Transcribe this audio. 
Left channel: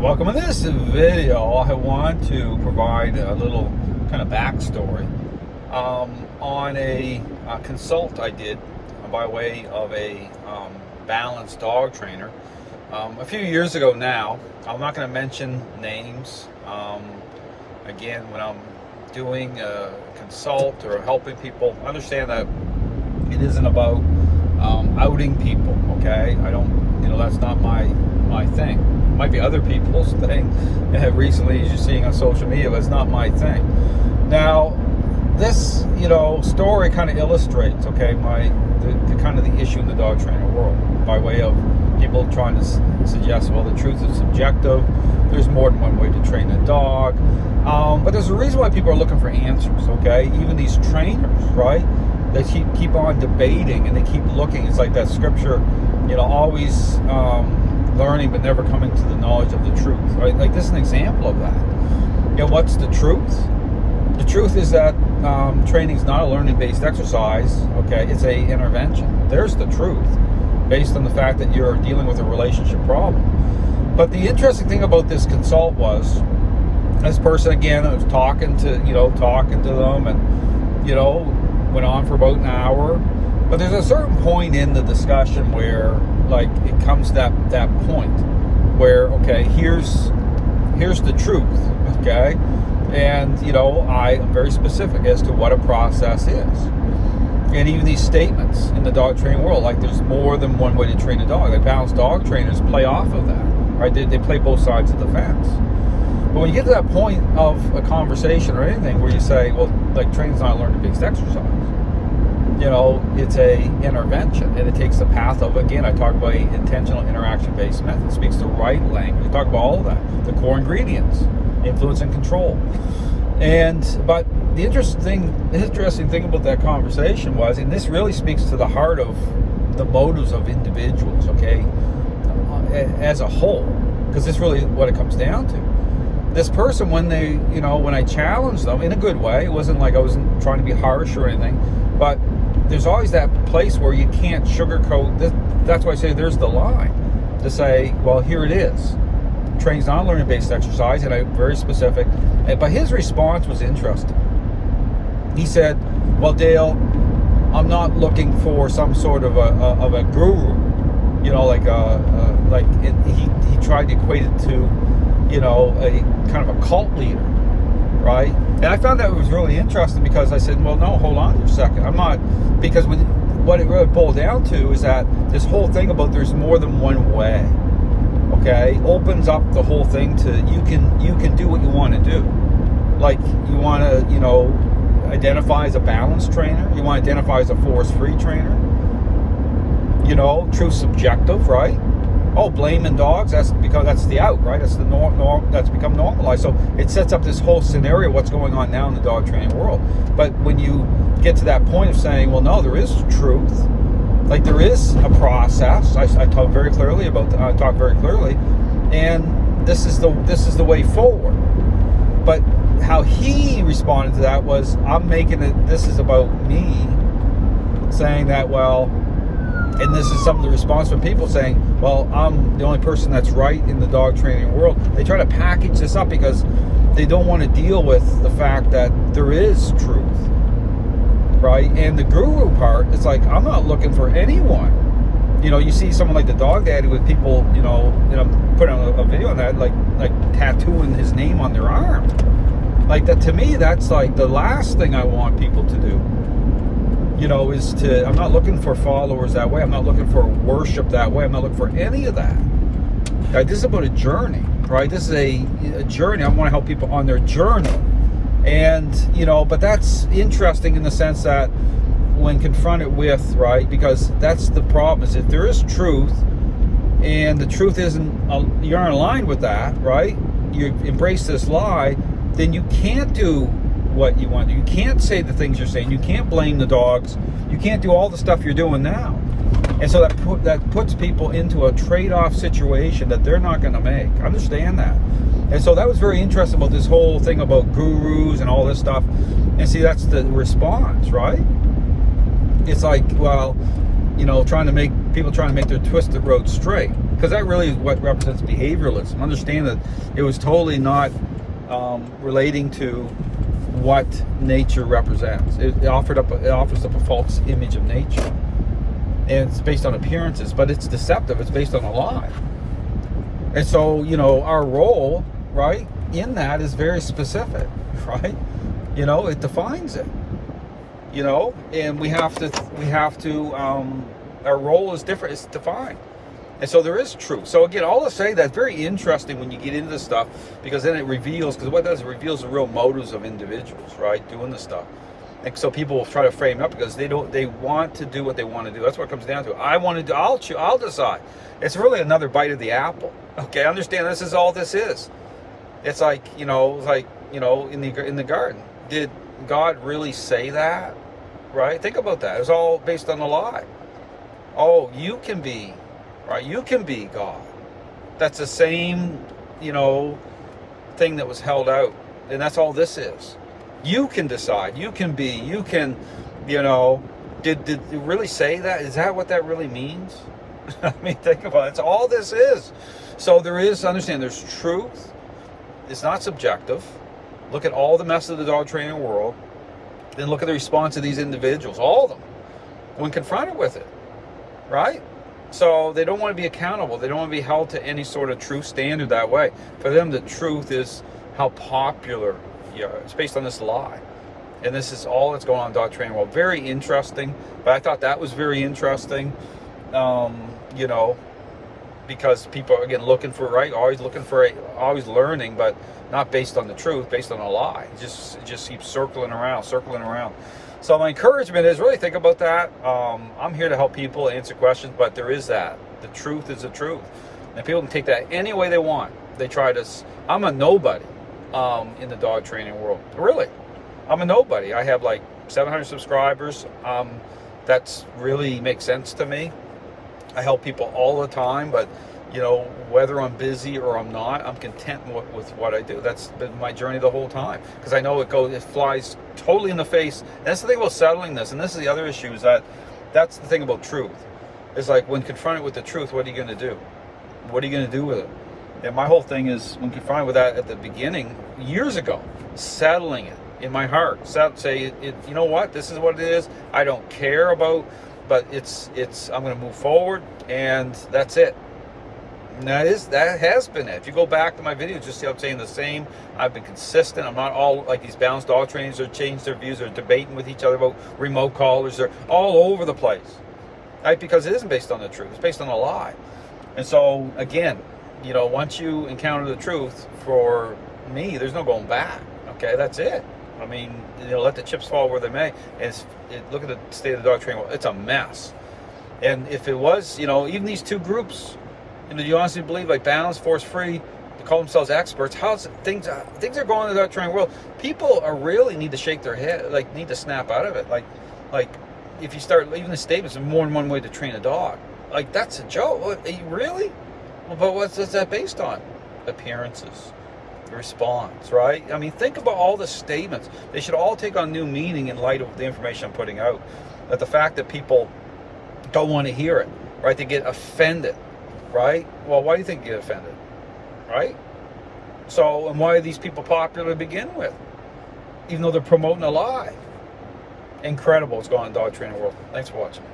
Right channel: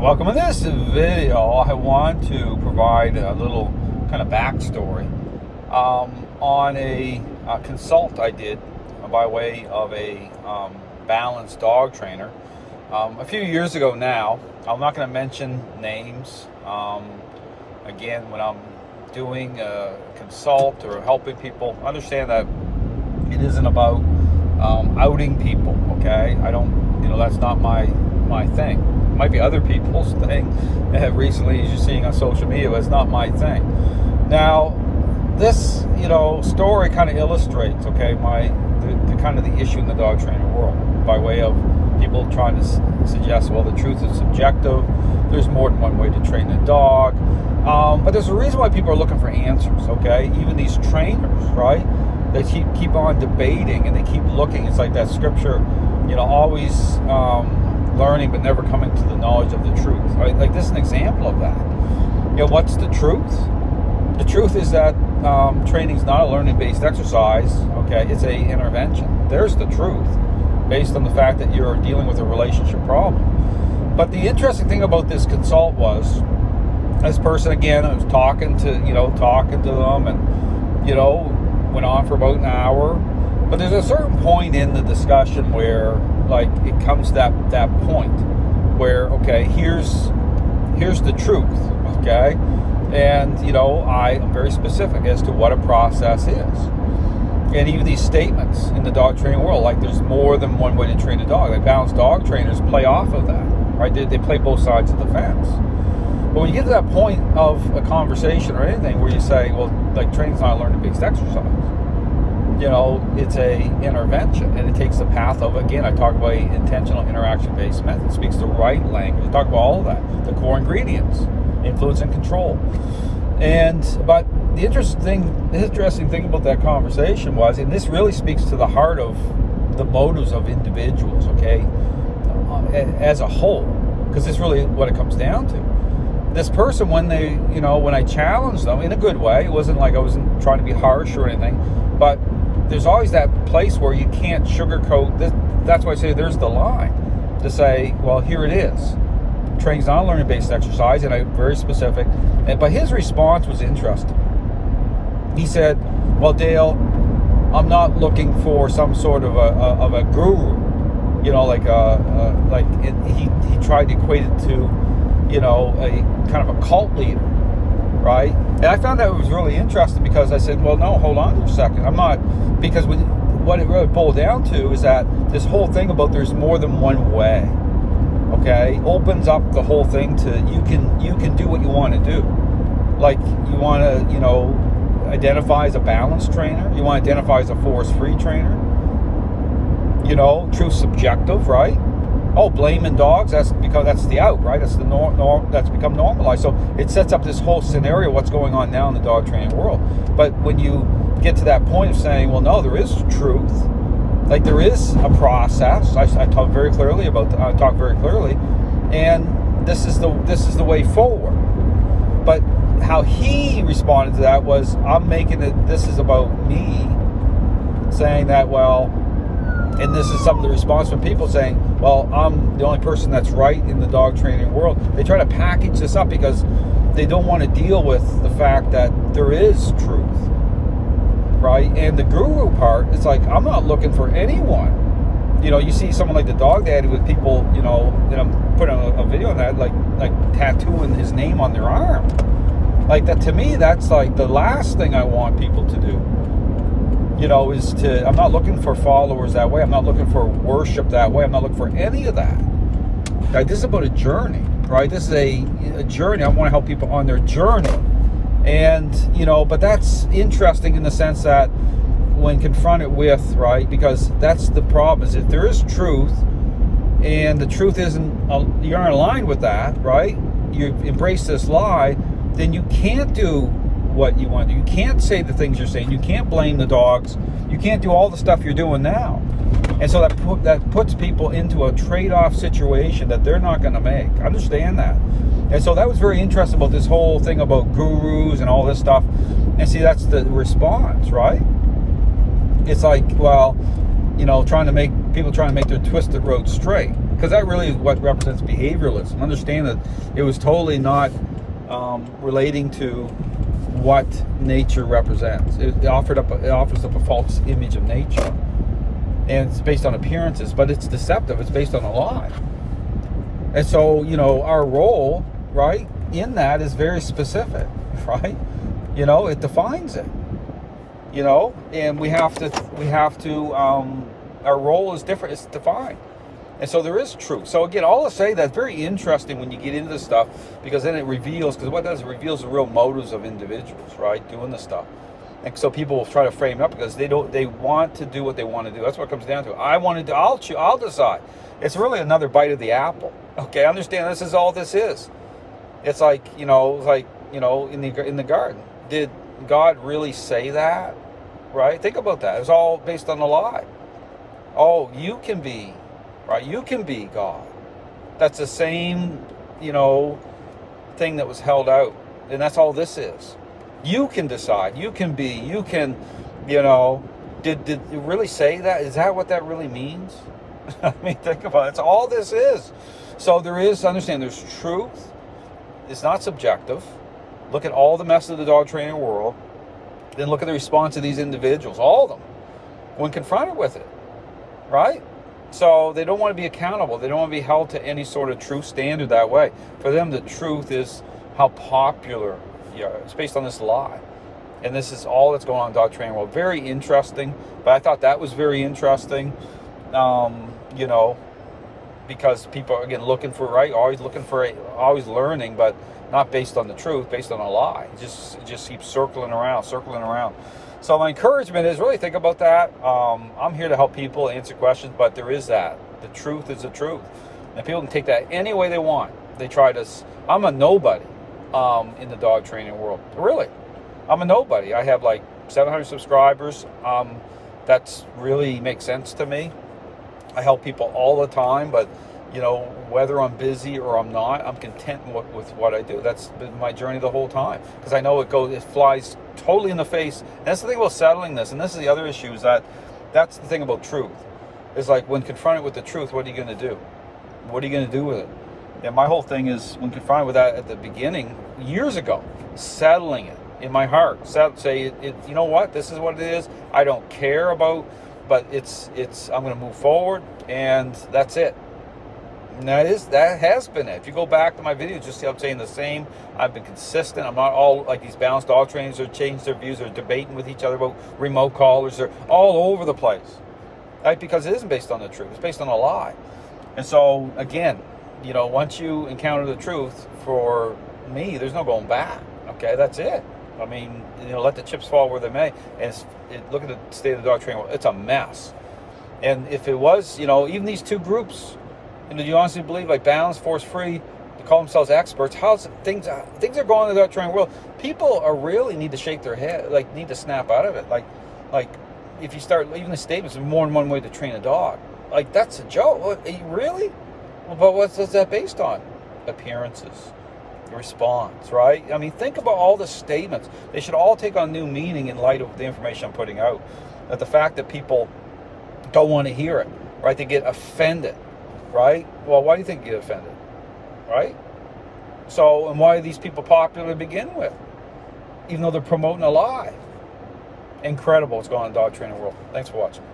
Welcome to this video. I want to provide a little kind of backstory on a consult I did by way of a balanced dog trainer a few years ago now. I'm not going to mention names. Again, when I'm doing a consult or helping people, understand that it isn't about outing people, okay? I don't, that's not my thing. It might be other people's thing. Recently, as you're seeing on social media, but it's not my thing. Now, this, story kind of illustrates, okay, the kind of the issue in the dog training world by way of people trying to suggest, well, the truth is subjective. There's more than one way to train a dog. But there's a reason why people are looking for answers, okay? Even these trainers, right? They keep on debating and they keep looking. It's like that scripture, always learning but never coming to the knowledge of the truth. Right? Like this is an example of that. What's the truth? The truth is that training is not a learning-based exercise, okay? It's a intervention. There's the truth, based on the fact that you're dealing with a relationship problem. But the interesting thing about this consult was, this person, again, I was talking to them and, went on for about an hour. But there's a certain point in the discussion where, like, it comes that point where, okay, here's the truth, okay? And, I am very specific as to what a process is. And even these statements in the dog training world, like there's more than one way to train a dog. Like balanced dog trainers play off of that, right? They play both sides of the fence. But when you get to that point of a conversation or anything where you say, well, like training's not a learning-based exercise, it's a intervention, and it takes the path of, again, I talk about intentional interaction-based method. It speaks the right language. I talk about all of that, the core ingredients, influence and control. But the interesting thing about that conversation was, and this really speaks to the heart of the motives of individuals, okay, as a whole, because it's really what it comes down to. This person, when I challenged them in a good way, it wasn't like I wasn't trying to be harsh or anything, but there's always that place where you can't sugarcoat this. That's why I say there's the line to say, well, here it is. Training's not a learning-based exercise, and I'm very specific. But his response was interesting. He said, well, Dale, I'm not looking for some sort of a guru, he tried to equate it to, a kind of a cult leader, right? And I found that was really interesting because I said, well, no, hold on for a second. I'm not, because what it really boiled down to is that this whole thing about there's more than one way, okay, opens up the whole thing to you can do what you want to do. Like you want to, identify as a balanced trainer. You want to identify as a force-free trainer. True subjective, right? Oh, blaming dogs, that's because that's the out, right? That's the norm, that's become normalized. So it sets up this whole scenario, what's going on now in the dog training world. But when you get to that point of saying, well, no, there is truth, like there is a process. I talk very clearly about that. I talk very clearly, and this is the way forward. But how he responded to that was, I'm making it, this is about me, saying that, well, and this is some of the response from people saying, well, I'm the only person that's right in the dog training world. They try to package this up because they don't want to deal with the fact that there is truth, right? And the guru part, it's like, I'm not looking for anyone. You see someone like the Dog Daddy with people, and I'm putting a video on that, like tattooing his name on their arm. Like that, to me, that's like the last thing I want people to do. I'm not looking for followers that way. I'm not looking for worship that way. I'm not looking for any of that. Right? This is about a journey, right? This is a journey. I want to help people on their journey. And, but that's interesting in the sense that when confronted with, right, because that's the problem, is if there is truth and the truth isn't, you're in line with that, right? You embrace this lie, then you can't do what you want to do. You can't say the things you're saying. You can't blame the dogs. You can't do all the stuff you're doing now. And so that puts people into a trade-off situation that they're not going to make. Understand that. And so that was very interesting about this whole thing about gurus and all this stuff. And see, that's the response, right? It's like, well, trying to make their twisted road straight. because that really is what represents behavioralism. Understand that it was totally not relating to what nature represents. It offers up a false image of nature, and it's based on appearances, but it's deceptive. It's based on a lie. And so, our role, right, in that is very specific, right? It defines it. And we have to. Our role is different. It's defined. And so there is truth. So again, all to say that's very interesting when you get into this stuff, because then it reveals, because what it does, it reveals the real motives of individuals, right, doing this stuff. And so people will try to frame it up because they want to do what they want to do. That's what it comes down to. I want to do, I'll decide. It's really another bite of the apple. Okay, understand this is all this is. It's like, in the garden. Did God really say that? Right? Think about that. It's all based on a lie. Oh, you can be, right? You can be God. That's the same, thing that was held out. And that's all this is. You can decide. You can be. You can, did it really say that? Is that what that really means? I mean, think about it. It's all this is. So understand, there's truth. It's not subjective. Look at all the mess of the dog training world. Then look at the response of these individuals, all of them, when confronted with it, right? So they don't want to be accountable. They don't want to be held to any sort of truth standard that way. For them, the truth is how popular you are. It's based on this lie. And this is all that's going on in dog training world. Very interesting. But I thought that was very interesting, because people are, again, looking for, right? Always learning, but not based on the truth, based on a lie. It just keeps circling around. So my encouragement is really think about that. I'm here to help people answer questions, but there is that. The truth is the truth. And people can take that any way they want. They try to, I'm a nobody in the dog training world. Really. I'm a nobody. I have like 700 subscribers. That's really makes sense to me. I help people all the time, but whether I'm busy or I'm not, I'm content with what I do. That's been my journey the whole time, because I know it flies totally in the face. And that's the thing about settling this, and this is the other issue, is that's the thing about truth. It's like, when confronted with the truth, what are you going to do? What are you going to do with it? And my whole thing is, when confronted with that at the beginning, years ago, settling it in my heart. Say, you know what? This is what it is. I don't care about, but I'm going to move forward, and that's it. And that has been it. If you go back to my videos, just see I'm saying the same. I've been consistent. I'm not all like these balanced dog trainers who change their views or debating with each other about remote callers. They're all over the place, right? Because it isn't based on the truth. It's based on a lie. And so, again, once you encounter the truth, for me, there's no going back. Okay, that's it. I mean, let the chips fall where they may. And look at the state of the dog training world. It's a mess. And if it was, even these two groups, do you honestly believe, like Balance, Force Free, they call themselves experts? How's things are going in the dog training world? People really need to shake their head, like need to snap out of it. Like if you start leaving the statements, there's more than one way to train a dog. Like, that's a joke. What, really? Well, but what's that based on? Appearances, response, right? I mean, think about all the statements. They should all take on new meaning in light of the information I'm putting out. That the fact that people don't want to hear it, right? They get offended. Right? Well, why do you think you get offended? Right? So, and why are these people popular to begin with? Even though they're promoting a lie. Incredible what's going on in the dog training world. Thanks for watching.